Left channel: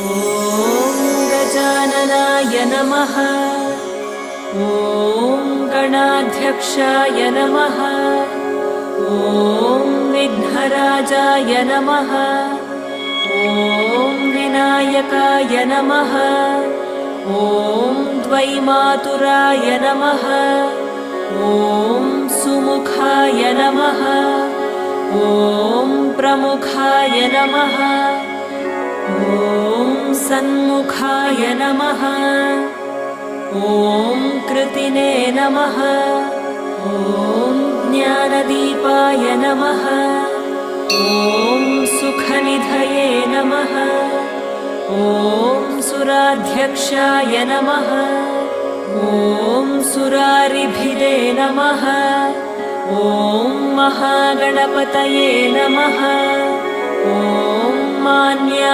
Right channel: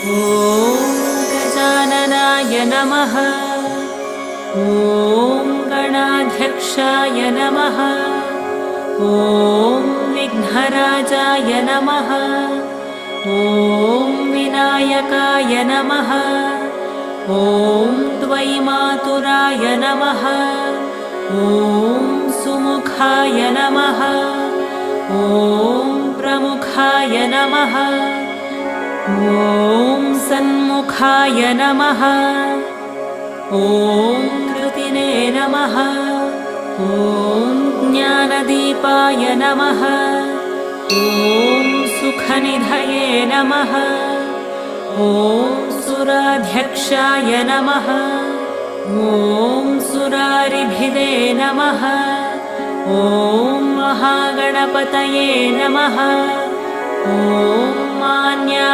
ॐ गजाननाय नमः। ॐ गणाध्यक्षाय नमः। ॐ विघ्नराजाय नमः। ॐ विनायकाय नमः। ॐ द्वैमातुराय नमः। ॐ सुमुखाय नमः। ॐ प्रमुखाय नमः। ॐ सन्मुखाय नमः। ॐ कृतिने नमः। ॐ ज्ञानदीपाय नमः। ॐ सुखनिधये नमः। ॐ सुराध्यक्षाय नमः। ॐ सुरारिभिदे नमः। ॐ महागणपतये नमः। ॐ मान्या